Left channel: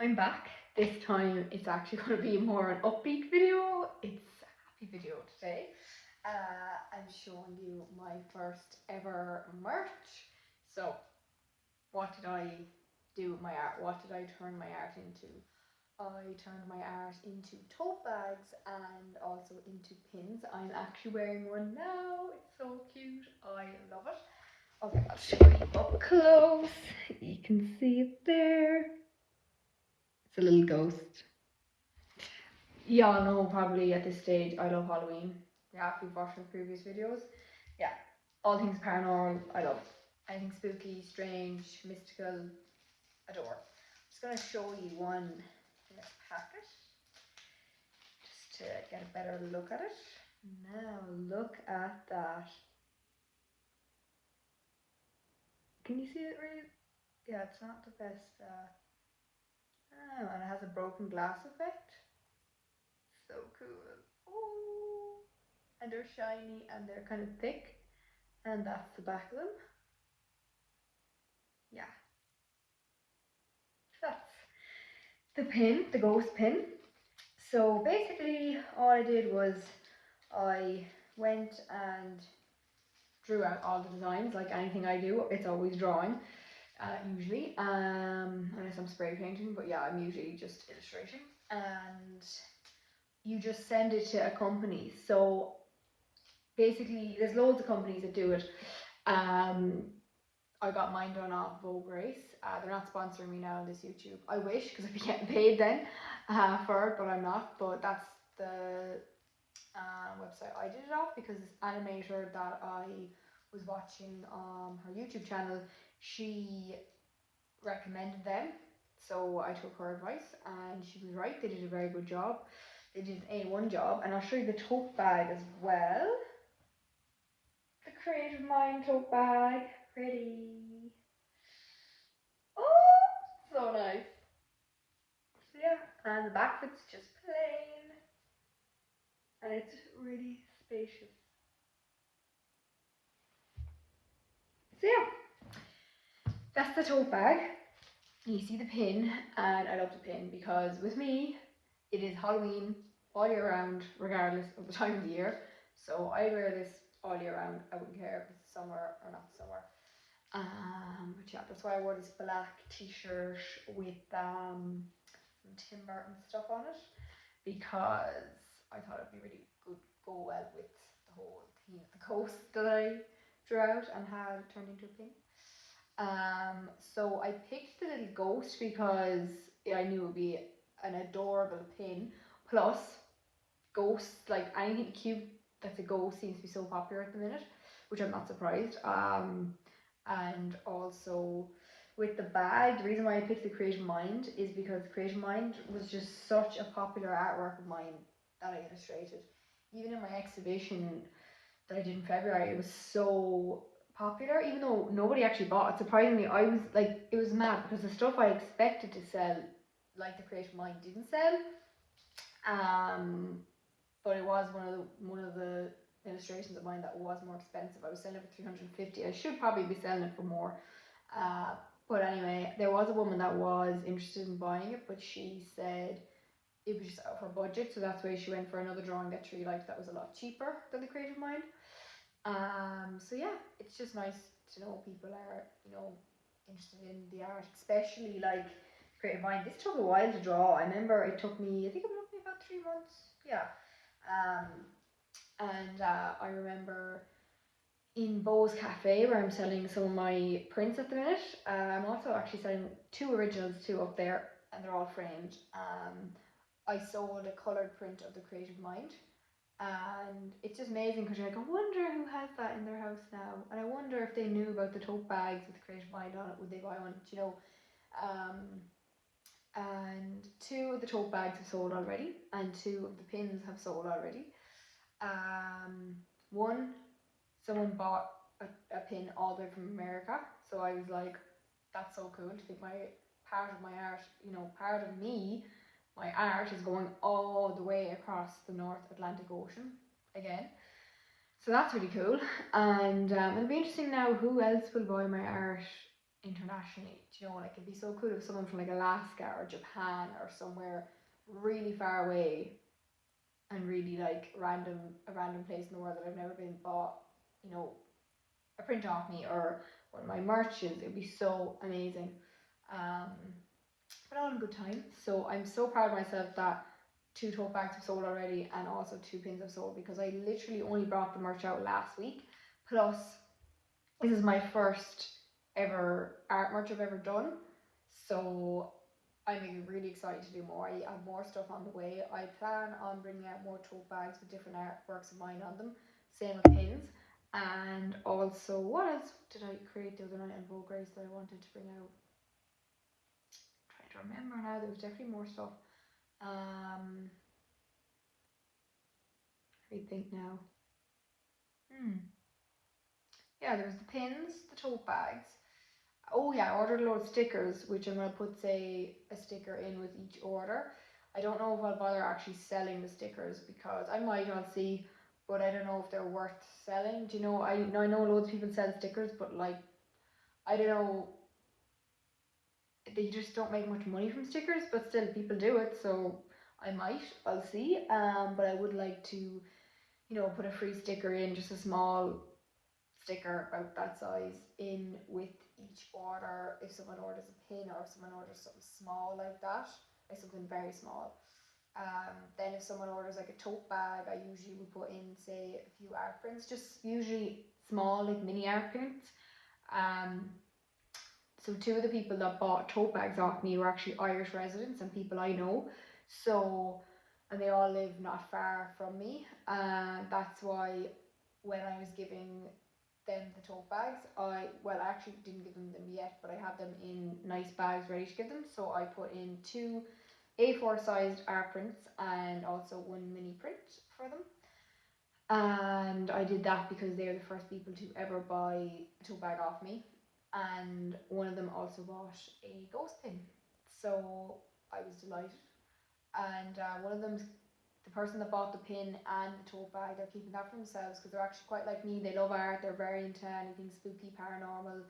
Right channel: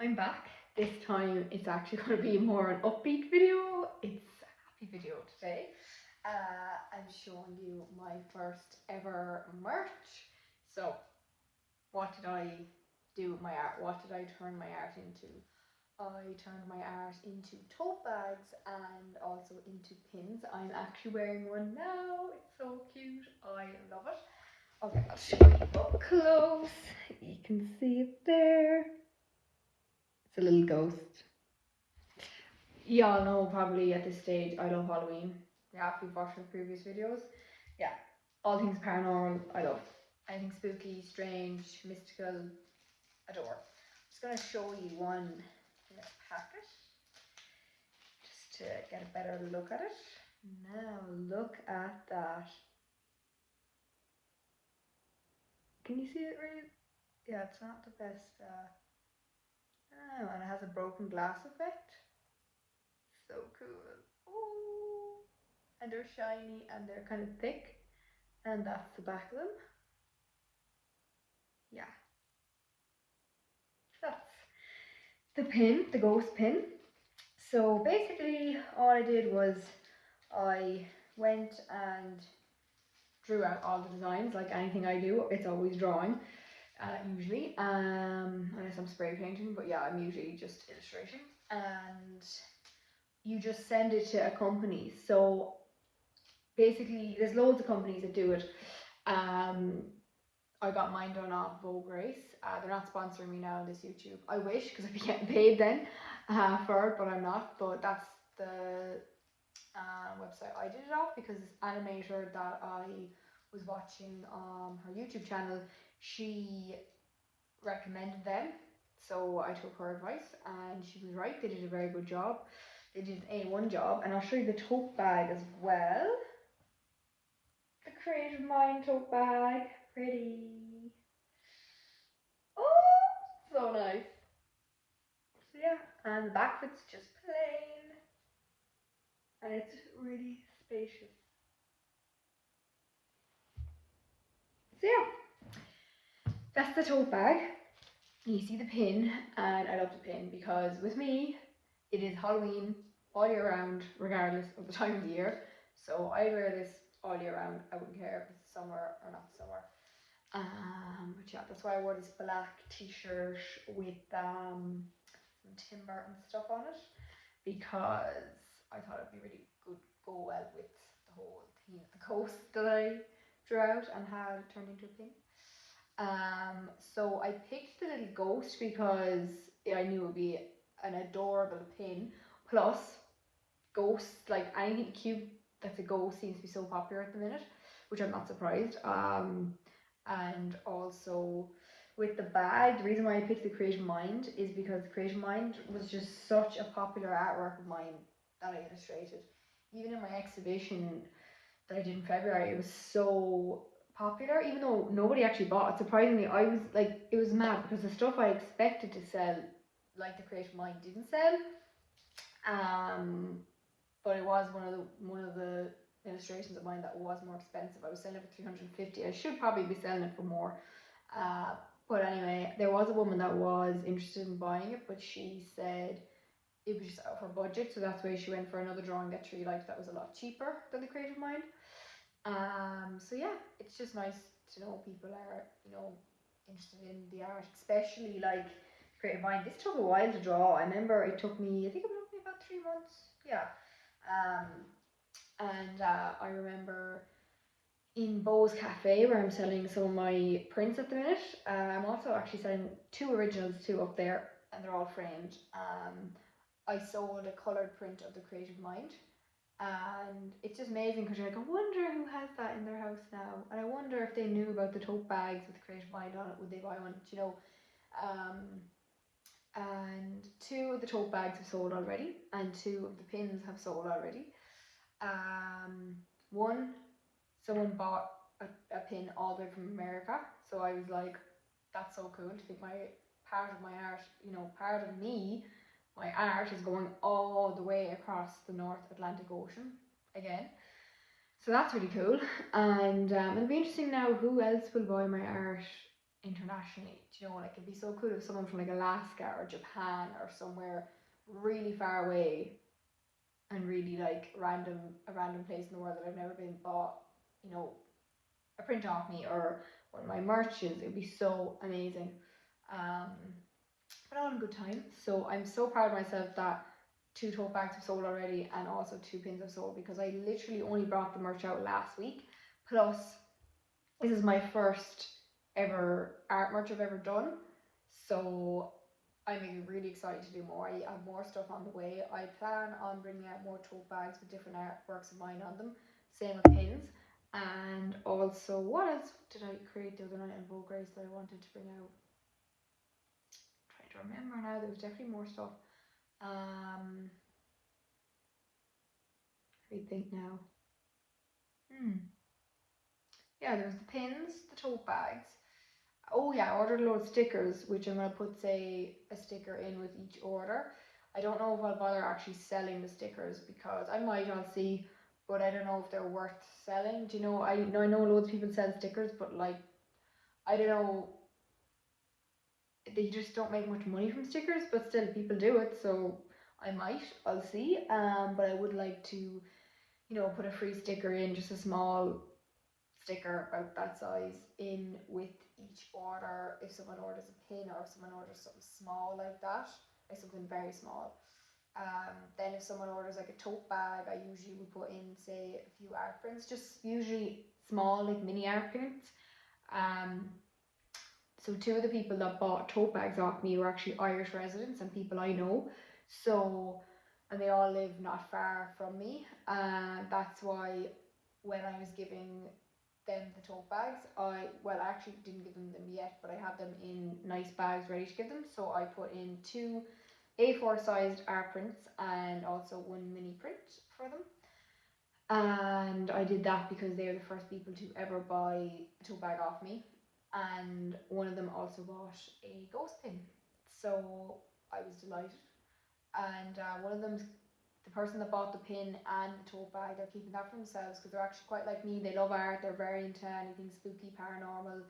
I'm back. This time it's actually going to be more an upbeat video. It's a happy video today. I'm showing you my first ever merch. So, what did I do with my art? What did I turn my art into? I turned my art into tote bags and also into pins. I'm actually wearing one now. It's so cute. I love it. Okay, I'll show you up close. You can see it there. It's a little ghost. Y'all know probably at this stage I love Halloween. Yeah, if you've watched my previous videos. Yeah, all things paranormal, I love. Anything spooky, strange, mystical, adore. I'm just going to show you one in this packet just to get a better look at it. Now look at that. Can you see it really? Yeah, it's not the best. Oh, and it has a broken glass effect. So cool. Oh, and they're shiny and they're kind of thick. And that's the back of them. Yeah, that's the pin, the ghost pin. So basically all I did was I went and drew out all the designs. Like anything I do, it's always drawing, usually, unless I'm spray painting, but yeah, I'm usually just illustrating. And you just send it to a company. So basically there's loads of companies that do it. I got mine done off Vogue Race. They're not sponsoring me now on this YouTube. I wish, because I'd be getting paid then for it, but I'm not. But that's the website I did it off, because this animator that I was watching on her YouTube channel, she recommended them. So I took her advice and she was right. They did a very good job. They did an A1 job. And I'll show you the tote bag as well. The Creative Mind tote bag. Pretty. Oh, so nice. So yeah, and the back of it's just plain. And it's really spacious. So yeah, that's the tote bag. You see the pin, and I love the pin because with me, it is Halloween all year round, regardless of the time of the year. So I wear this all year round. I wouldn't care if it's summer or not summer. But yeah, that's why I wore this black t-shirt with some Tim Burton stuff on it, because I thought it'd be really good, go well with the whole theme of the coast that I drew out and had turned into a pin. So I picked the little ghost because I knew it would be an adorable pin. Plus, ghosts, like anything cute that's a ghost, seems to be so popular at the minute, which I'm not surprised. And also with the bag, the reason why I picked the Creative Mind is because Creative Mind was just such a popular artwork of mine that I illustrated. Even in my exhibition that I did in February, it was so popular, even though nobody actually bought it. Surprisingly, I was like, it was mad because the stuff I expected to sell, like the Creative Mind, didn't sell. But it was one of the illustrations of mine that was more expensive. I was selling it for 350. I should probably be selling it for more. But anyway, there was a woman that was interested in buying it, but she said it was just out of her budget, so that's why she went for another drawing that she really liked that was a lot cheaper than the Creative Mind. So yeah, it's just nice to know people are, interested in the art, especially like Creative Mind. This took a while to draw. I remember it took me, I think it took me about 3 months. Yeah. And I remember in Bo's Cafe, where I'm selling some of my prints at the minute. I'm also actually selling 2 originals too up there, and they're all framed. I sold a coloured print of the Creative Mind, and it's just amazing because you're like, I wonder who has that in their house now, and I wonder if they knew about the tote bags with the Creative Mind on it, would they buy one? And 2 of the tote bags have sold already, and 2 of the pins have sold already. One, someone bought a pin all the way from America, so I was like, that's so cool to think my part of my art, part of me, my art is going all the way across the North Atlantic Ocean again. So that's really cool, and it'll be interesting now who else will buy my art internationally. Do you know, like it'd be so cool if someone from like Alaska or Japan or somewhere really far away and really like a random place in the world that I've never been bought, you know, a print off me or one of my merches. It'd be so amazing. Um, but all in good time. So I'm so proud of myself that 2 tote bags have sold already and also 2 pins have sold, because I literally only brought the merch out last week. Plus, this is my first ever art merch I've ever done. So I'm really excited to do more. I have more stuff on the way. I plan on bringing out more tote bags with different artworks of mine on them. Same with pins. And also, what else did I create the other night on Vogue Race that I wanted to bring out? I'm trying to remember now. There was definitely more stuff. Let me think now. Yeah, there's the pins, the tote bags. Oh yeah, I ordered a load of stickers, which I'm gonna put, say, a sticker in with each order. I don't know if I'll bother actually selling the stickers, because I might, I'll see, but I don't know if they're worth selling. Do you know? I know loads of people sell stickers, but like, I don't know, they just don't make much money from stickers, but still people do it, so I might, I'll see. But I would like to, you know, put a free sticker in, just a small sticker about that size in with each order. If someone orders a pin or if someone orders something small like that, like something very small. Then if someone orders like a tote bag, I usually would put in, say, a few art prints, just usually small, like mini art prints. So 2 of the people that bought tote bags off me were actually Irish residents and people I know. So, and they all live not far from me. That's why when I was giving them the tote bags, I actually didn't give them yet, but I have them in nice bags ready to give them. So I put in 2 A4 sized art prints and also 1 mini print for them. And I did that because they're the first people to ever buy a tote bag off me. And one of them also bought a ghost pin. So I was delighted. And one of them's the person that bought the pin and the tote bag. They're keeping that for themselves because they're actually quite like me. They love art. They're very into anything spooky, paranormal.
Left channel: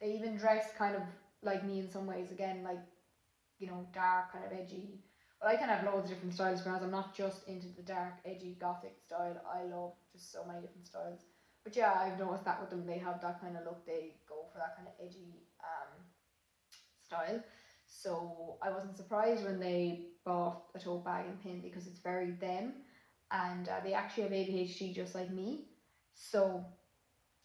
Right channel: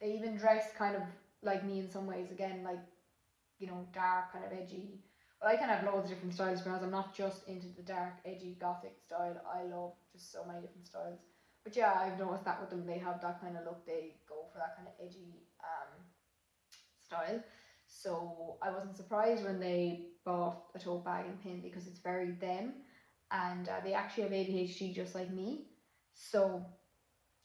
They even dress kind of like me in some ways. Again, like, you know, dark, kind of edgy. But I can have loads of different styles, because I'm not just into the dark, edgy, gothic style. I love just so many different styles. But yeah, I've noticed that with them, they have that kind of look. They go for that kind of edgy style. So I wasn't surprised when they bought a tote bag and pin, because it's very them, and they actually have ADHD just like me. So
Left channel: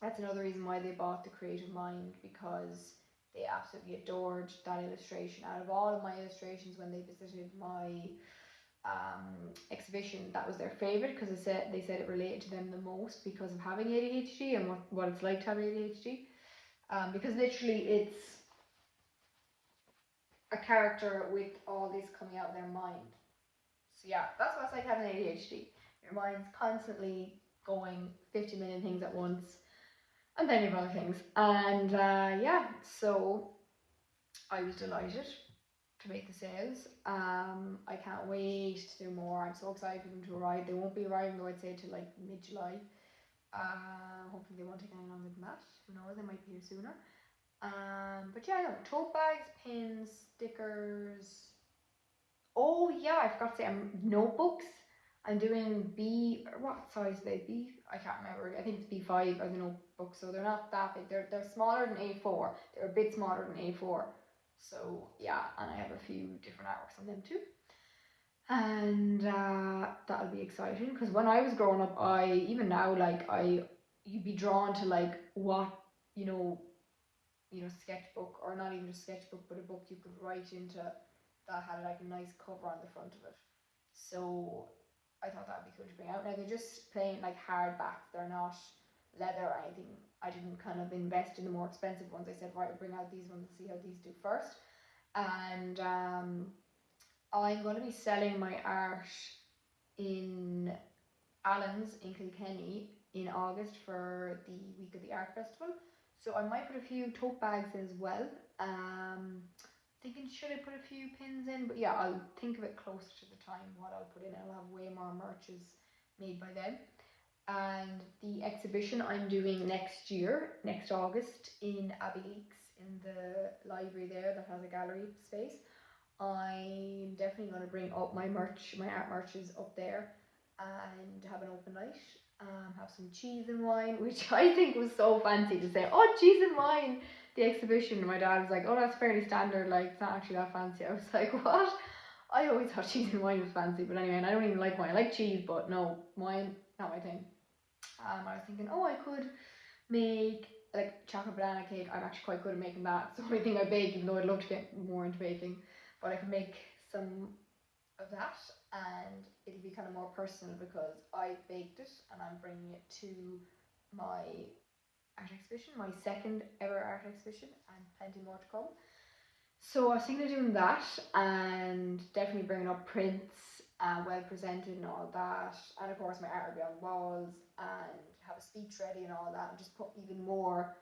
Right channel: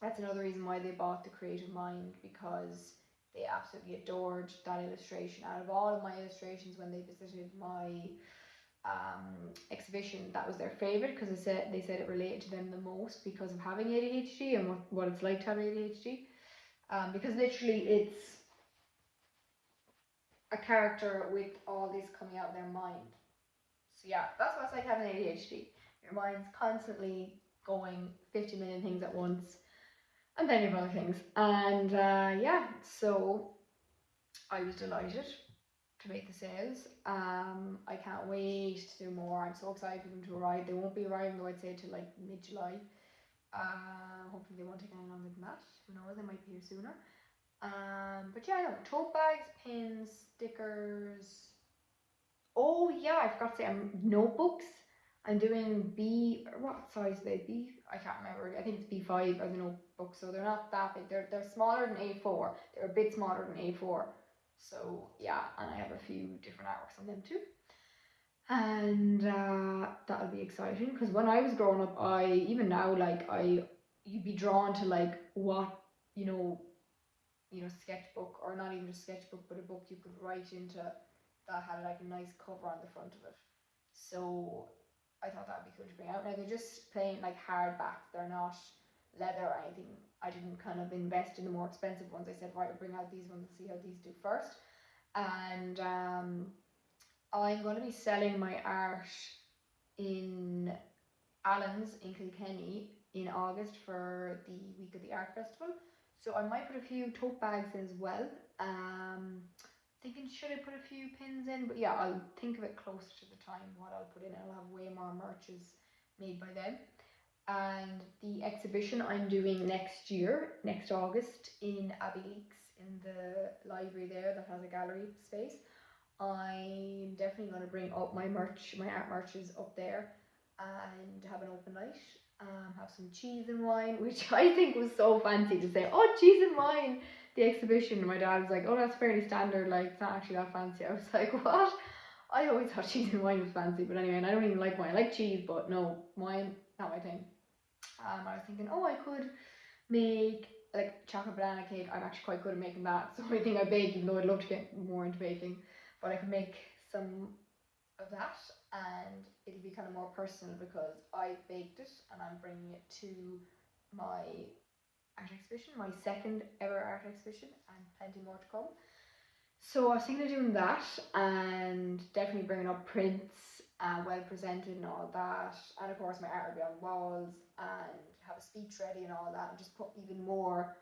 that's another reason why they bought the Creative Mind, because they absolutely adored that illustration. Out of all of my illustrations, when they visited my exhibition, that was their favorite, because they said it related to them the most because of having ADHD and what it's like to have ADHD. Because literally it's a character with all this coming out of their mind. So yeah, that's what it's like having ADHD. Your mind's constantly going 50 million things at once, and then you have other things. And yeah, so I was delighted to make the sales. I can't wait to do more. I'm so excited for them to arrive. They won't be arriving though, I'd say, till like mid-July. Hopefully they won't take any longer than that. Who knows, they might be here sooner. But yeah, no, tote bags, pins, stickers. Oh yeah, I forgot to say, notebooks. I'm doing what size are they? I can't remember. I think it's B5 as a notebook, so they're not that big. They're smaller than A4. They're a bit smaller than A4. So yeah, and I have a few different artworks on them too. And that'll be exciting, because when I was growing up, even now, like, you'd be drawn to like what, you know, sketchbook, or not even just sketchbook, but a book you could write into that had like a nice cover on the front of it. So I thought that would be cool to bring out. Now they're just plain like hardback, they're not leather or anything. I didn't kind of invest in the more expensive ones. I said, right, we'll bring out these ones and see how these do first. And I'm going to be selling my art in Allen's in Kilkenny in August for the week of the art festival. So I might put a few tote bags in as well. Thinking, should I put a few pins in? But yeah, I'll think of it closer to the time what I'll put in, and I'll have way more merches made by then. And the exhibition I'm doing next year, next August, in Abbey Leaks in the library there that has a gallery space. I'm definitely going to bring up my merch, my art merches up there, and have an open night. Have some cheese and wine, which I think was so fancy to say. Oh, cheese and wine, the exhibition. And my dad was like, "Oh, that's fairly standard. Like, it's not actually that fancy." I was like, "What?" I always thought cheese and wine was fancy, but anyway, and I don't even like wine. I like cheese, but no, wine, not my thing. I was thinking, oh, I could make like chocolate banana cake. I'm actually quite good at making that. It's the only thing I bake, even though I'd love to get more into baking. But I could make some of that, and it'll be kind of more personal because I baked it and I'm bringing it to my art exhibition, my second ever art exhibition, and plenty more to come. So I was thinking of doing that and definitely bringing up prints, well presented and all that. And of course my art will be on walls and have a speech ready and all that, and just put even more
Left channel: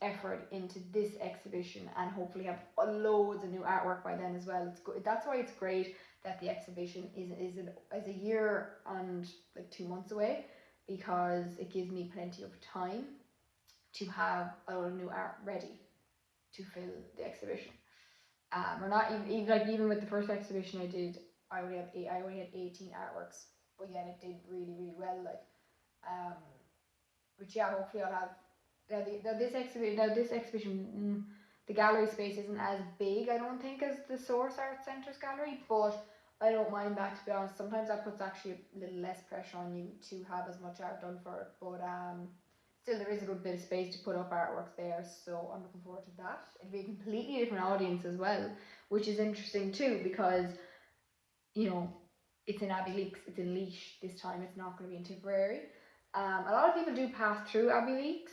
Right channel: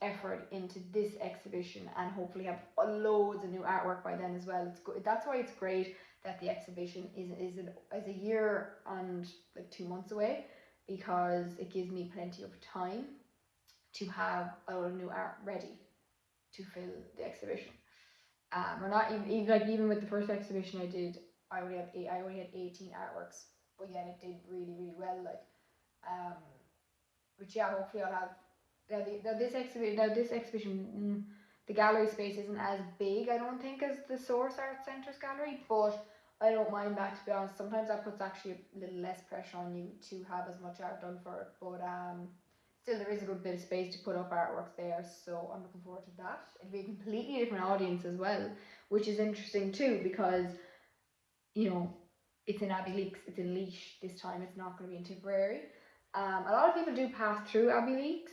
effort into this exhibition, and hopefully have loads of new artwork by then as well. It's good. That's why it's great that the exhibition is a year and like 2 months away, because it gives me plenty of time to have a lot of new art ready to fill the exhibition. Or not even with the first exhibition I did, I only had 18 artworks, but yet it did really well. Like, but yeah, hopefully I'll have this exhibition. The gallery space isn't as big, I don't think, as the Source Art Centre's gallery, but I don't mind that, to be honest. Sometimes that puts actually a little less pressure on you to have as much art done for it, but still there is a good bit of space to put up artwork there, so I'm looking forward to that. It'll be a completely different audience as well, which is interesting too, because you know, it's in Abbey Leaks, it's in Leash this time, it's not going to be in Tipperary. A lot of people do pass through Abbey Leaks,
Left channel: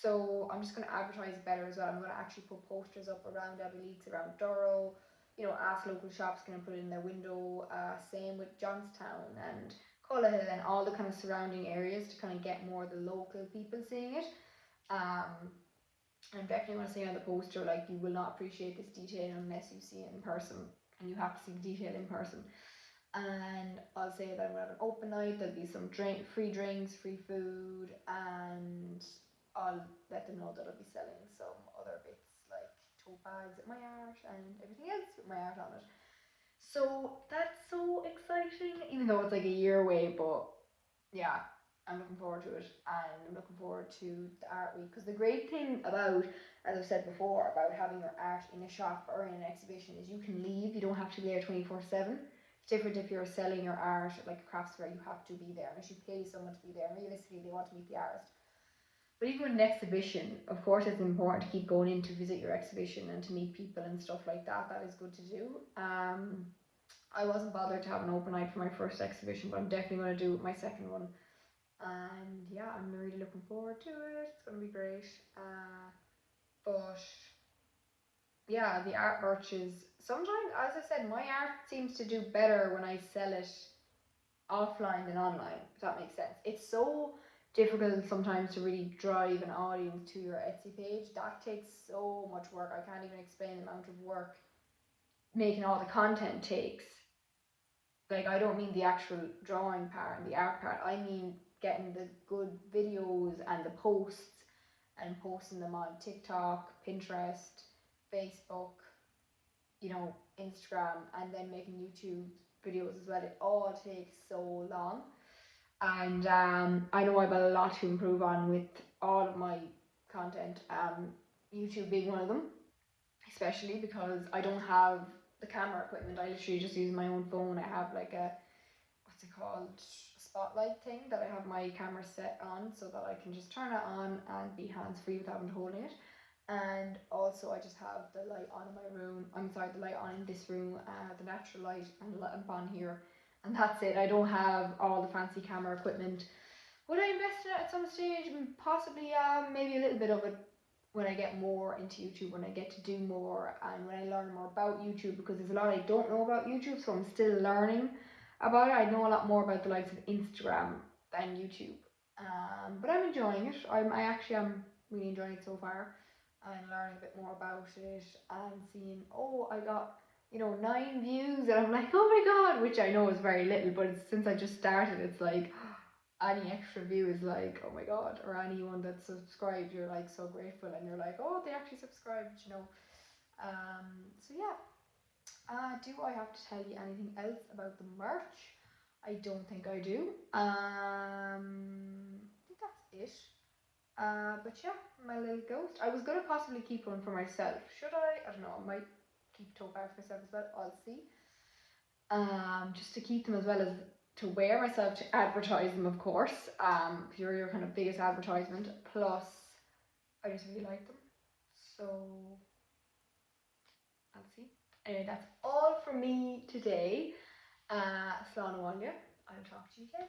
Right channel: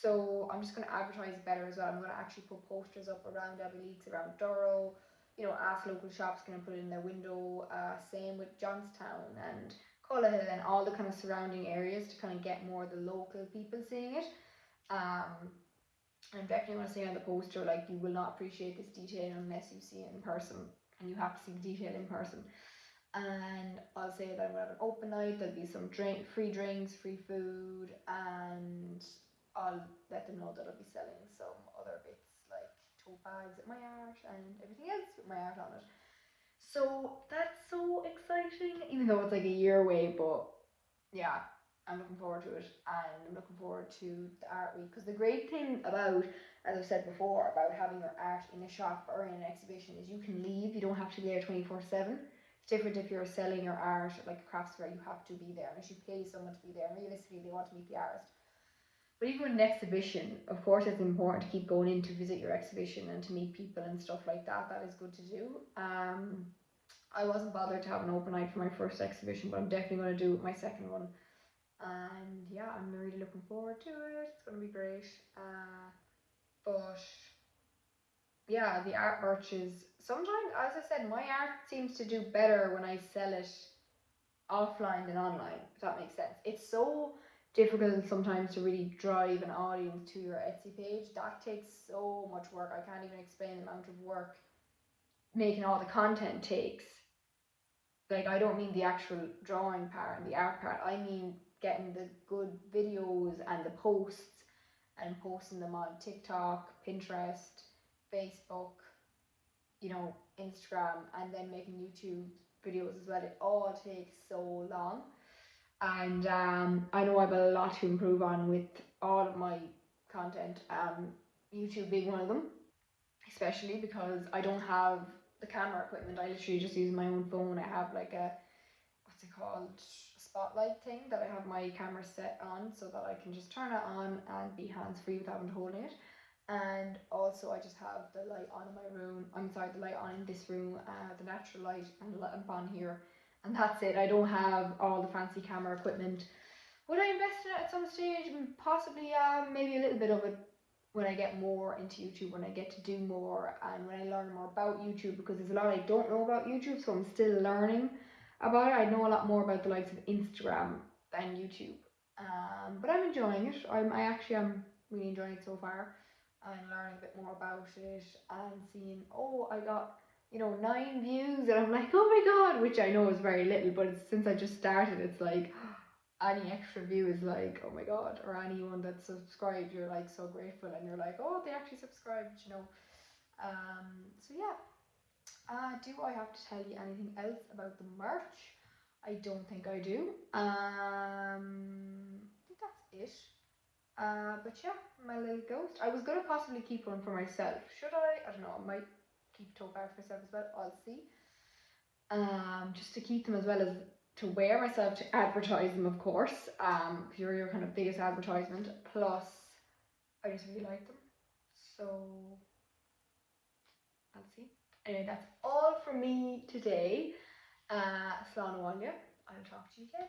so I'm just going to advertise better as well. I'm going to actually put posters up around Abbey Leaks, around Durrow. You know, ask local shops, can I put it in their window? Same with Johnstown and Cullahill and all the kind of surrounding areas, to kind of get more of the local people seeing it. I'm definitely want to say on the poster, like, you will not appreciate this detail unless you see it in person, and you have to see the detail in person. And I'll say that I'm going to have an open night. There'll be some free drinks, free food, and I'll let them know that I'll be selling some other bits like tote bags with my art and everything else with my art on it. So that's so exciting, even though it's like a year away, but yeah, I'm looking forward to it, and I'm looking forward to the art week. Because the great thing about, as I've said before, about having your art in a shop or in an exhibition is you can leave. You don't have to be there 24/7. It's different if you're selling your art at like a crafts fair. You have to be there, unless you pay someone to be there. And realistically, they want to meet the artist. But even with an exhibition, of course, it's important to keep going in to visit your exhibition and to meet people and stuff like that. That is good to do. I wasn't bothered to have an open night for my first exhibition, but I'm definitely going to do my second one. And yeah, I'm really looking forward to it. It's going to be great. But yeah, the art merch is sometimes, as I said, my art seems to do better when I sell it offline than online, if that makes sense. It's so difficult sometimes to really drive an audience to your Etsy page. That takes so much work. I can't even explain the amount of work making all the content takes. Like, I don't mean the actual drawing part and the art part. I mean getting the good videos and the posts and posting them on TikTok, Pinterest, Facebook, you know, Instagram, and then making YouTube videos as well. It all takes so long. And I know I have a lot to improve on with all of my content, YouTube being one of them, especially because I don't have the camera equipment. I literally just use my own phone. I have like a, what's it called, spotlight thing that I have my camera set on, so that I can just turn it on and be hands free without having to hold it. And also I just have the light on in my room, the light on in this room, the natural light, and the lamp on here, and that's it. I don't have all the fancy camera equipment. Would I invest in it at some stage? Possibly, maybe a little bit of it when I get more into YouTube, when I get to do more, and when I learn more about YouTube, because there's a lot I don't know about YouTube, so I'm still learning about it. I know a lot more about the likes of Instagram than YouTube, but I'm enjoying it. I actually am really enjoying it so far, and learning a bit more about it, and seeing, oh, I got 9 views, and I'm like, oh my god, which I know is very little, but it's, since I just started, it's like, any extra view is like, oh my god, or anyone that's subscribed, you're like so grateful, and you're like, oh, they actually subscribed, you know. So yeah. Do I have to tell you anything else about the merch? I don't think I do. I think that's it. But yeah, my little ghost. I was gonna possibly keep one for myself. Should I? I don't know. I might keep a tote bag for myself as well. I'll see. Just to keep them as well as to wear myself, to advertise them, of course. You're your kind of biggest advertisement. Plus, I just really like them. So I'll see. Anyway, that's all from me today. Slán I'll talk to you again.